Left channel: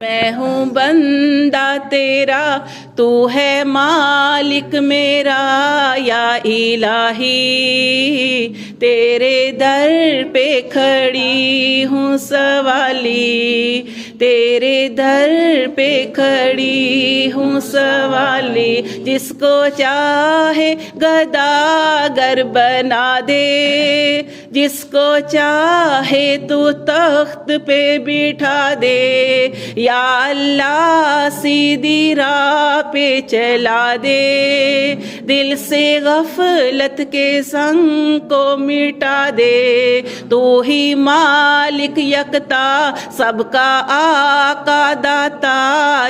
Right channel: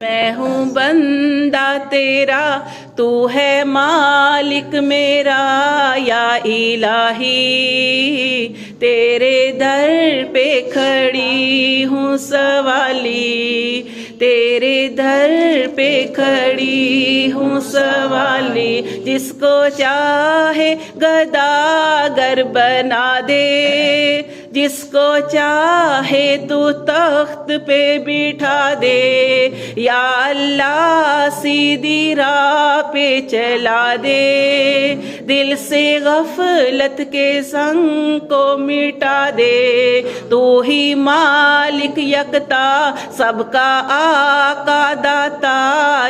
میں ہوں بندہ تیرا، تو ہے مالک میرا، یا الہی تیرے در پہ کھڑی ہوں سوالی، تیرے در پہ کھڑی ہوں سوالی۔ جس کو چاہے گداگر بنا دے، جس کو چاہے تو تخت پہ بٹھا دے، یا اللہ سیدھی راہ پہ چلا دے، دل سے غفلت کے سنگ کو مٹا دے۔ تو ہی مالک یکتا، سب کا آقا داتا،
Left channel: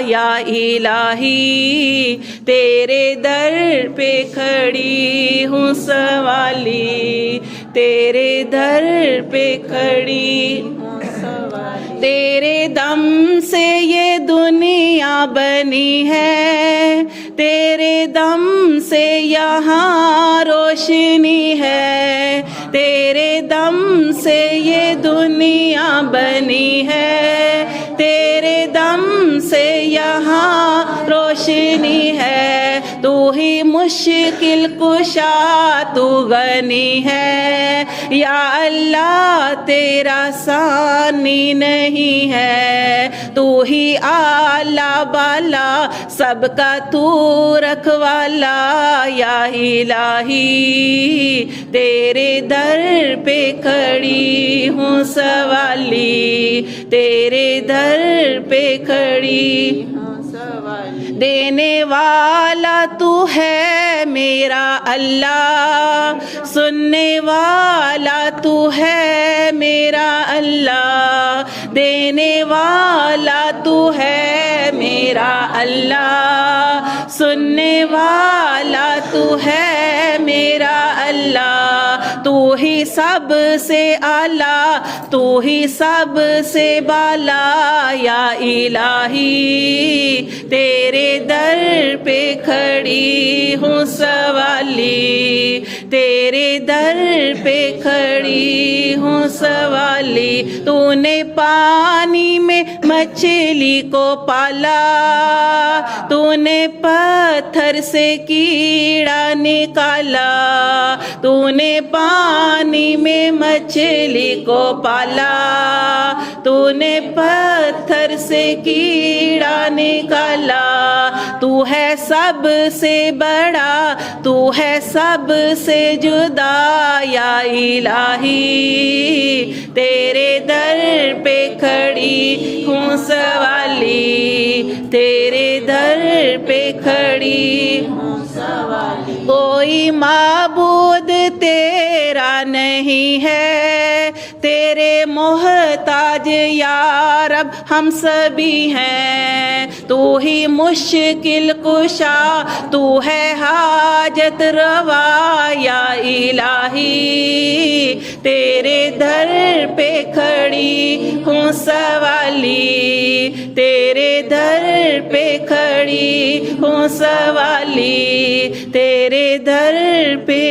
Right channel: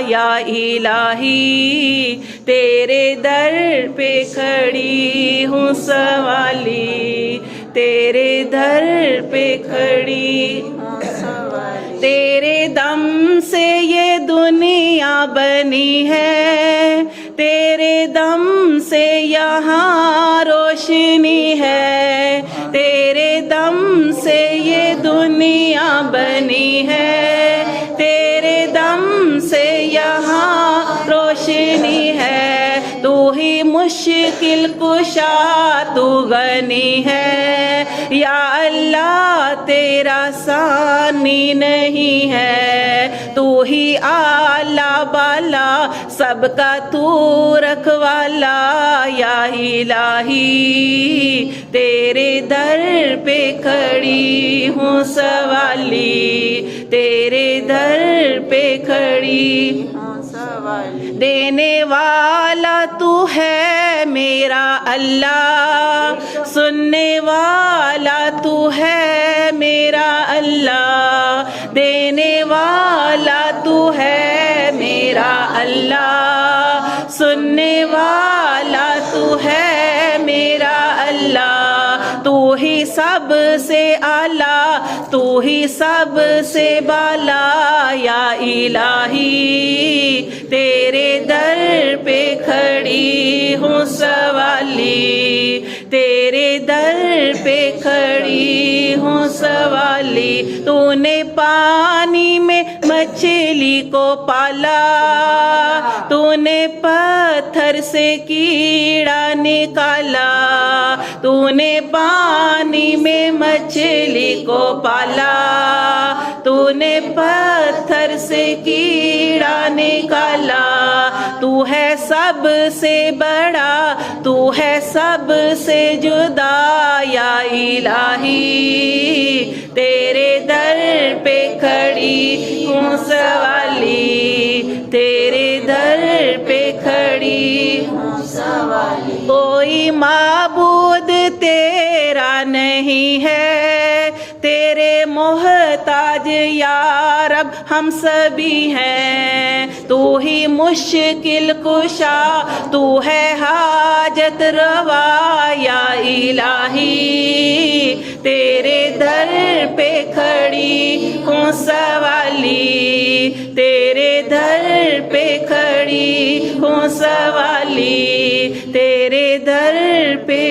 یا الہی تیرے در پہ کھڑی ہوں سوالی، تیرے در پہ کھڑی ہوں سوالی۔ تیرے دم سے یہ دنیا بنی ہے، تیرے دم سے یہاں روشنی ہے، تیرے دم سے یہ دنیا بنی ہے، تیرے دم سے یہاں روشنی ہے۔ تو ہی مشکل کشا، تو غنی ہے، یا اللہ تیرا ثانی نہیں ہے۔ تو ہی اعلیٰ بالا، سب کا تو رکھوالا، یا الہی تیرے در پہ کھڑی ہوں سوالی، تیرے در پہ کھڑی ہوں سوالی۔ دینے والا تو ہے میرا اللہ، سننے والا تو ہے میرا اللہ، دینے والا تو ہے میرا اللہ، سننے والا تو ہے میرا اللہ۔ تو ہی سب سے اعلیٰ، تو ہی سب سے بالا، یا الہی تیرے در پہ کھڑی ہوں سوالی، تیرے در پہ کھڑی ہوں سوالی۔ تو نے پانی میں مچھلی کو پالا، تو نے پتھر سے کیڑا نکالا، تو نے پانی میں مچھلی کو پالا، تو نے پتھر سے کیڑا نکالا۔ تو ہے سب سے بڑا، تو ہے سب سے جدا، یا الہی تیرے در پہ کھڑی ہوں سوالی، تیرے در پہ کھڑی ہوں سوالی۔ کوئی معبود تیرا نہیں ہے، تیرے محتاج یا رب ہم سبھی ہیں۔ تو ہی مشکل کشا، تو ہے حاجت روا، یا الہی تیرے در پہ کھڑی ہوں سوالی، تیرے در پہ کھڑی ہوں سوالی، تیرے در پہ